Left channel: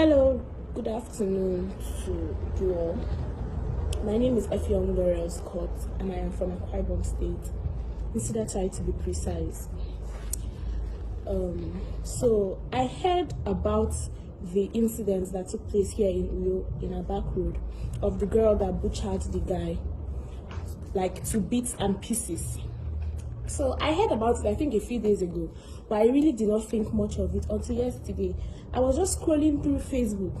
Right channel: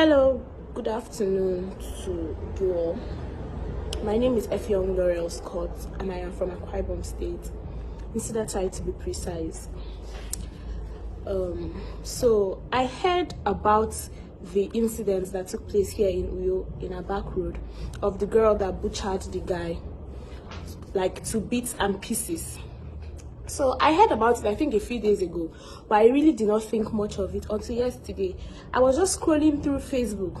Hello, good afternoon to you all. My name is Effiong Laurel Scott and I am from Akwa Ibom State, Insidatite to be precise. So I heard about the incident that took place here in Uyo, in a back road, of the girl that butchered the guy like to bits and pieces. So I heard about it, I think a few days ago, but I really did not think much of it until yesterday. I was just scrolling through Facebook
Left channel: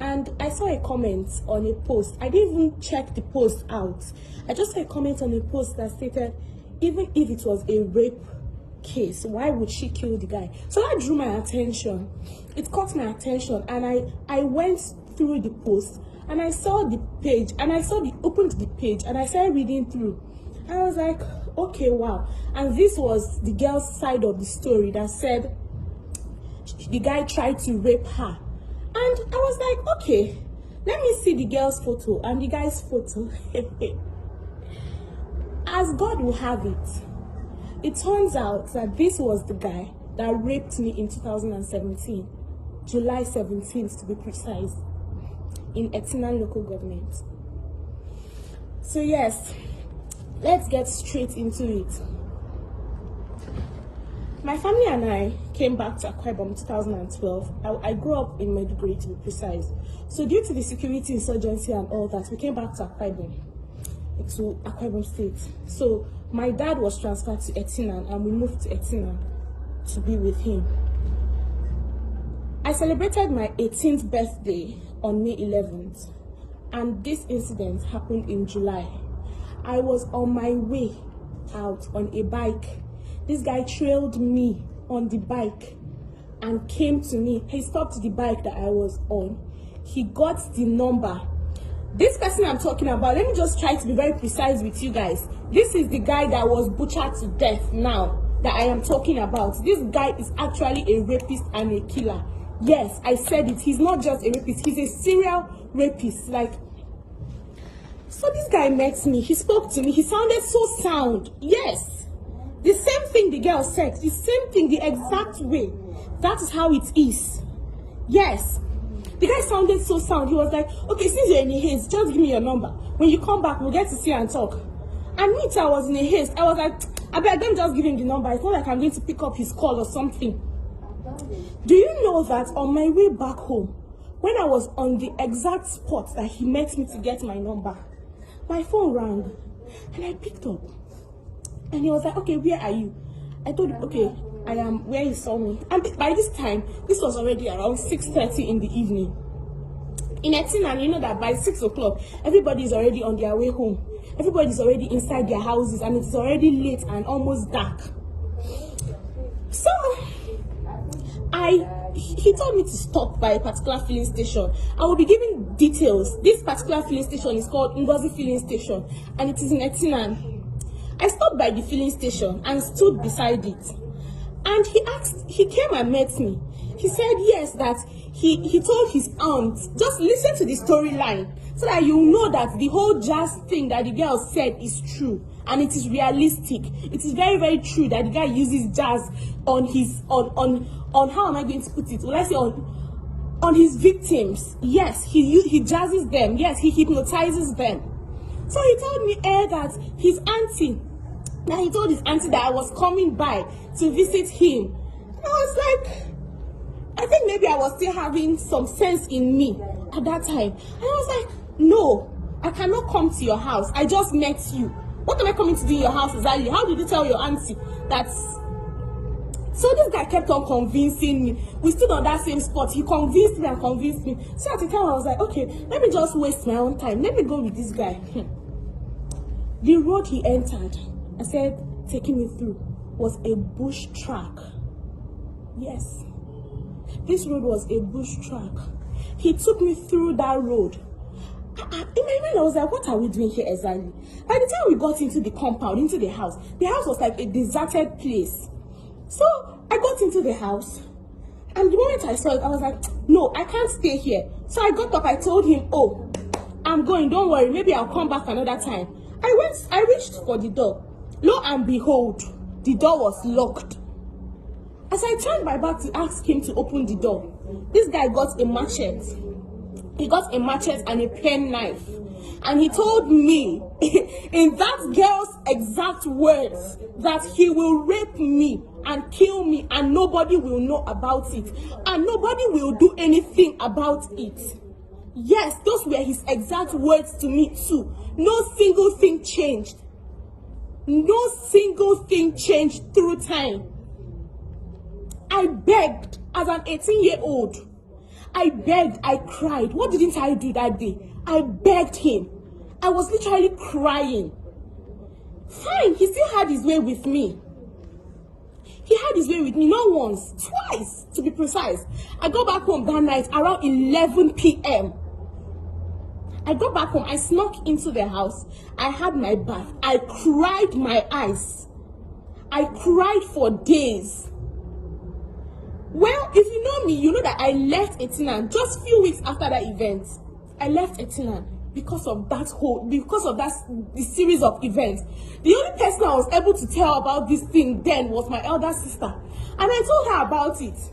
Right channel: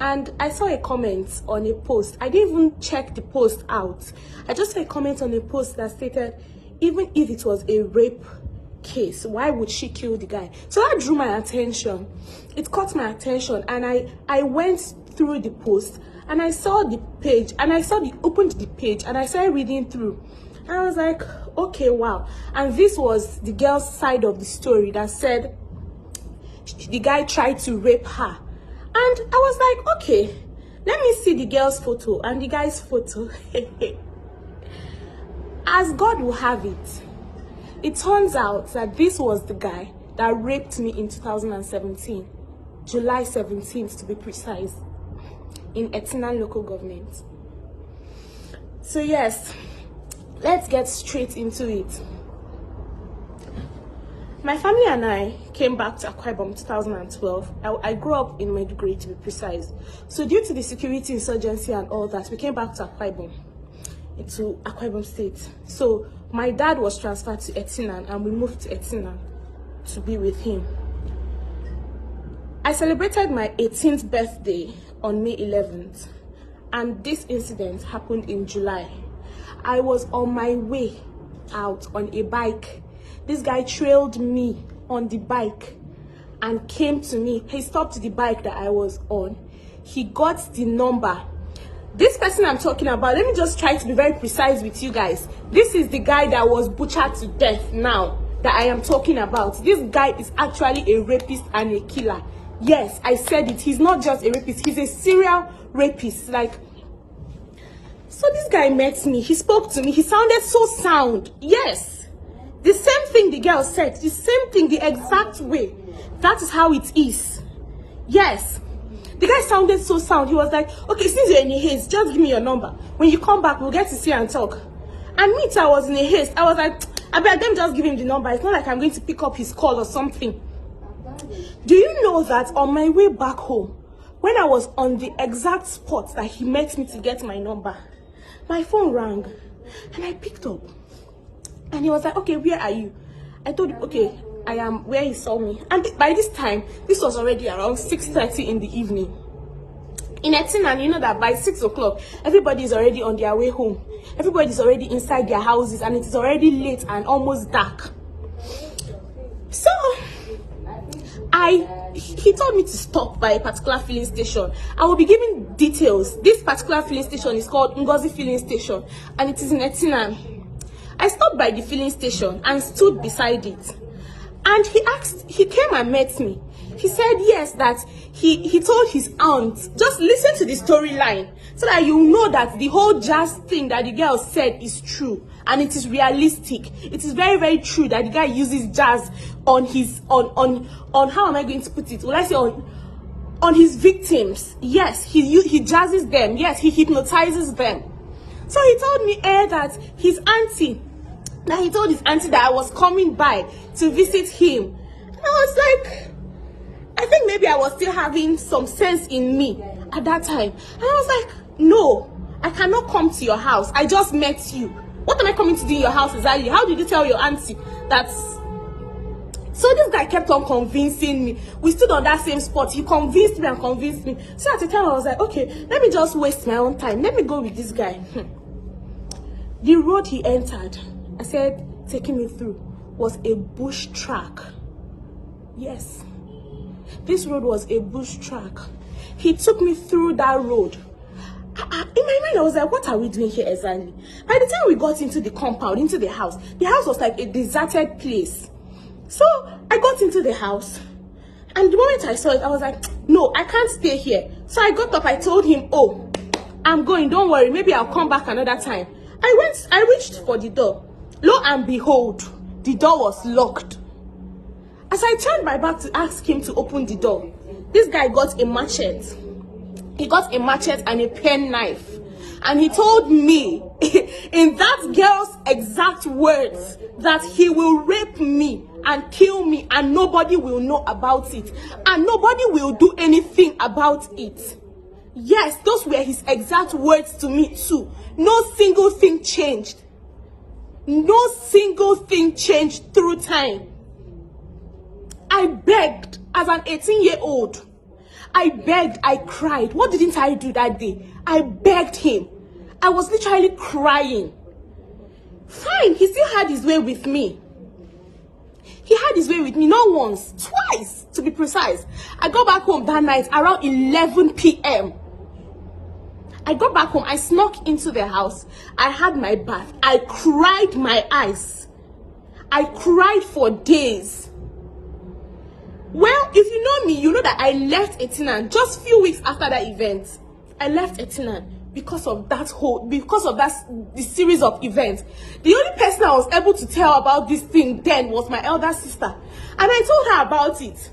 and I saw a comment on a post. I didn't even check the post out. I just saw a comment on a post that stated, even if it was a rape case, why would she kill the guy? So that drew my attention. It caught my attention and I went through the post and I saw the page and opened the page and I started reading through. And I was like, okay, wow. And this was the girl's side of the story that said the guy tried to rape her. And I was like, okay, let me see the girl's photo and the guy's photo. As God will have it, it turns out that this was the guy that raped me in 2017, July 17th to be precise, in Etinan local government. So yes, let's get straight into it. My family and I came back to Akwa Ibom in 2012. I grew up in Maiduguri to be precise. So due to the security insurgency and all that, we came back to Akwa Ibom State. So my dad was transferred to Etinan and we moved to Etinan to be with him. I celebrated my 18th birthday on May 11th and this incident happened in July. I was on my way out on a bike. This guy trailed me on the bike and came to me. He stopped the bike that I was on. He got the number. This person I'm talking about, let me just try to be very precise with you guys. This is the guy that was butchered to death now that I am talking about. This guy is actually a rapist and a killer. Yes, I said it. He's not just a rapist. He's a serial rapist. So this guy met me, he spoke to me, he sounded so sound. Yes, the same thing the girl said, the same thing, the exact way. That is how it is. Yes, the guy sounded so sound. He was like, okay, since you're in a haste, just give me your number. When you come back, we'll get to see and talk. And me too, I was in a haste. I was like, I bet them just give him the number. It's not like I'm going to pick up his call or something. Do you know that on my way back home, when I was on the exact spot that he met me to get my number, my phone rang and I picked up and he was like, okay, where are you? I told him, okay, I am where he saw me. And by this time, this was already around 6:30 in the evening. In Etinan, you know that by 6 o'clock, everybody is already on their way home. Everybody is already inside their houses and it is already late and almost dark. So, he told me to stop by a particular filling station. I will be giving details. This particular filling station is called Ngozi Filling Station and it is in Etinan. I stopped by the filling station and stood beside it. And he came and met me. He said yes, that he told his aunt, just listen to the storyline so that you know that the whole jazz thing that the girl said is true and it is realistic. It is very, very true that the guy uses jazz on his how am I going to put it? Will I say on his victims? Yes, he jazzes them. Yes, he hypnotizes them. So he told me that he told his auntie that I was coming by to visit him. And I was like, I think maybe I was still having some sense in me at that time. And I was like, no, I cannot come to your house. I just met you. What am I coming to do in your house exactly? How did you tell your auntie that? So this guy kept on convincing me. We stood on that same spot. He convinced me and convinced me. So at the time I was like, okay, let me just waste my own time. Let me go with this guy. The road he entered, I said, taking me through, was a bush track. Yes, this road was a bush track. He took me through that road. In my mind, I was like, what are we doing here exactly? By the time we got into the compound, into the house was like a deserted place. So I got into the house and the moment I saw it, I was like, no, I can't stay here. So I got up, I told him, oh, I'm going, don't worry, maybe I'll come back another time. I reached for the door. Lo and behold, the door was locked. As I turned my back to ask him to open the door, this guy got a machete. He got a machete and a pen knife. And he told me, in that girl's exact words, that he will rape me and kill me and nobody will know about it. And nobody will do anything about it. Yes, those were his exact words to me too. No single thing changed. No single thing changed through time. I begged as an 18-year-old. I begged, I cried. What didn't I do that day? I begged him. I was literally crying. Fine, he still had his way with me. He had his way with me, not once, twice, to be precise. I got back home that night around 11 p.m. I got back home, I snuck into the house. I had my bath. I cried my eyes. I cried for days. Well, if you know me, you know that I left Etinan just a few weeks after that event. I left Etinan because of the series of events. The only person I was able to tell about this thing then was my elder sister. And I told her about it.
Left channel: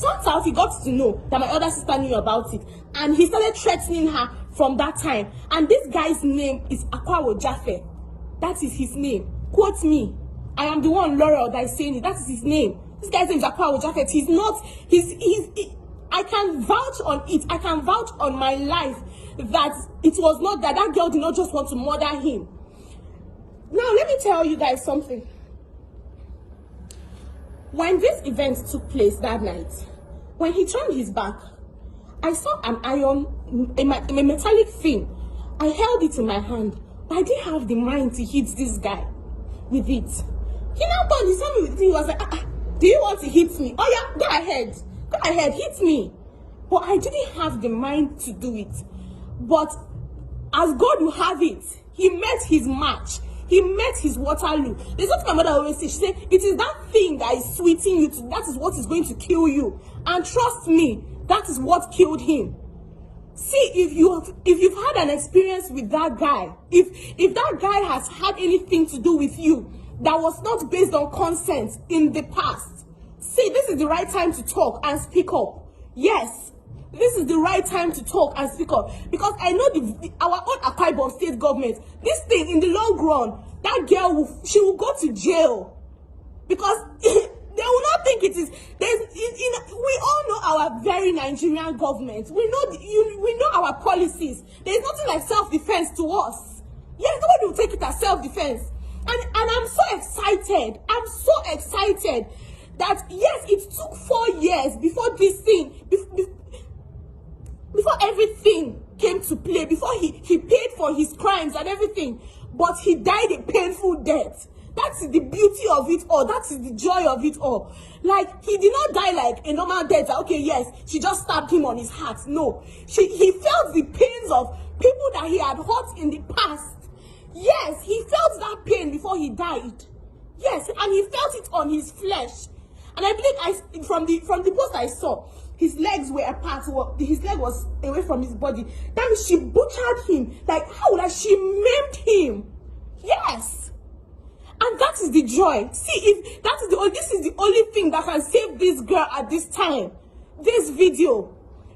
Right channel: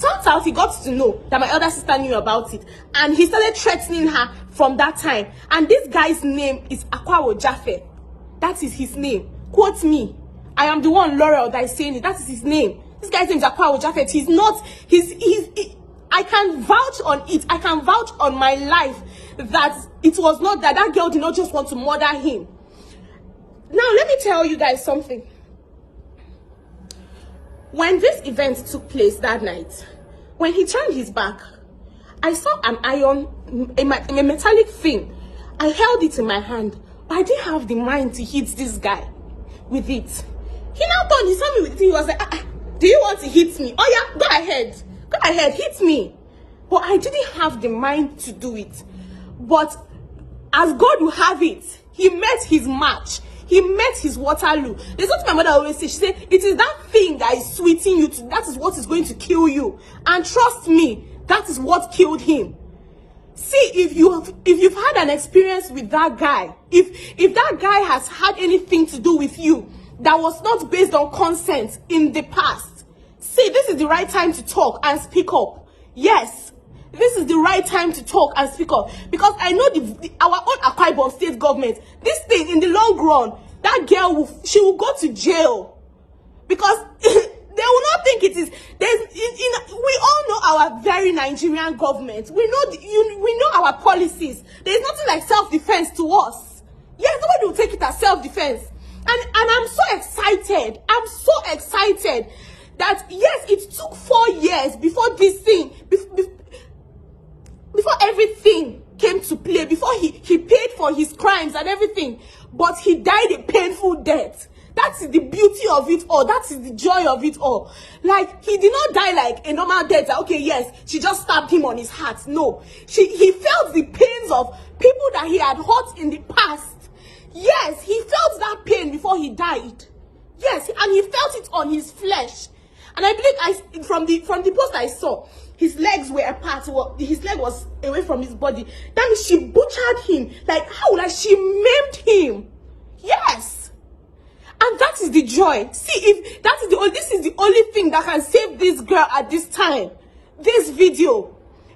Turns out he got to know that my elder sister knew about it. And he started threatening her from that time. And this guy's name is Akwawo Jaffe. That is his name. Quote me. I am the one, Laurel, that is saying it. That is his name. This guy's name is Akwawo Jaffe. He's not, I can vouch on it. I can vouch on my life that it was not that girl did not just want to murder him. Now, let me tell you guys something. When this event took place that night, when he turned his back, I saw an iron, a metallic thing. I held it in my hand, but I didn't have the mind to hit this guy with it. He now turned, he saw me with it, he was like, do you want to hit me? Oh yeah, go ahead, hit me. But I didn't have the mind to do it. But as God will have it, he met his match. He met his Waterloo. There's what my mother always says. She said, it is that thing that is sweeting you to, that is what is going to kill you. And trust me, that is what killed him. See, if you've had an experience with that guy, if that guy has had anything to do with you that was not based on consent in the past, see, this is the right time to talk and speak up. Yes, this is the right time to talk and speak up, because I know our own Akwa Ibom state government, this thing in the long run, that girl she will go to jail, because they will not think it is. We all know our very Nigerian government. We know our policies. There is nothing like self-defense to us. Yes, nobody will take it as self-defense, and I'm so excited. I'm so excited that yes, it took 4 years before this thing. Before everything came to play, before he paid for his crimes and everything, but he died a painful death. That's the beauty of it all. That is the joy of it all. Like, he did not die like a normal death. Like, okay, yes, she just stabbed him on his heart. No, he felt the pains of people that he had hurt in the past. Yes, he felt that pain before he died. Yes, and he felt it on his flesh. And I believe from the post I saw, his legs were apart. His leg was away from his body. That means she butchered him. Like, how? Like, she maimed him. Yes. And that is the joy. See, if that is this is the only thing that can save this girl at this time. This video.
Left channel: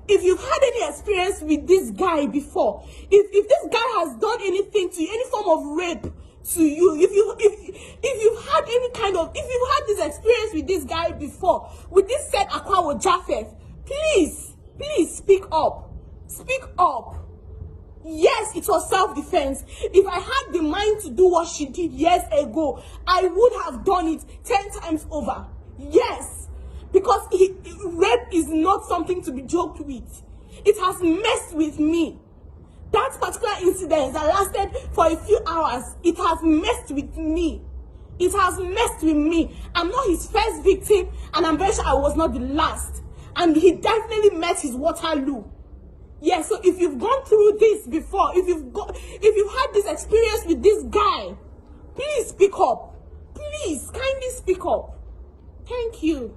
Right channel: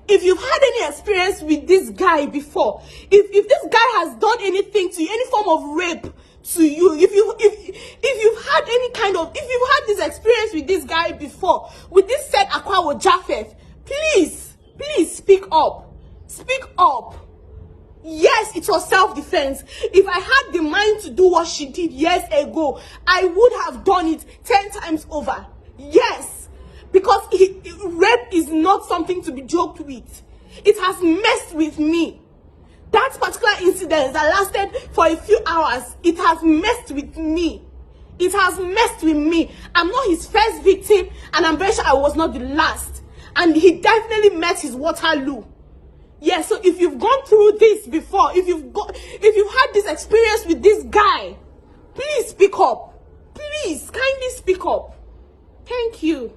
If you've had any experience with this guy before, if this guy has done anything to you, any form of rape to you, if you've had if you've had this experience with this guy before, with this said Akwawo Jaffe, please speak up. Speak up. Yes, it was self-defense. If I had the mind to do what she did years ago, I would have done it 10 times over. Yes, because rape is not something to be joked with. It has messed with me. That particular incident that lasted for a few hours, it has messed with me. It has messed with me. I'm not his first victim, and I'm very sure I was not the last. And he definitely met his Waterloo. Yeah, so if you've gone through this before, if you've had this experience with this guy, please speak up. Please, kindly speak up. Thank you.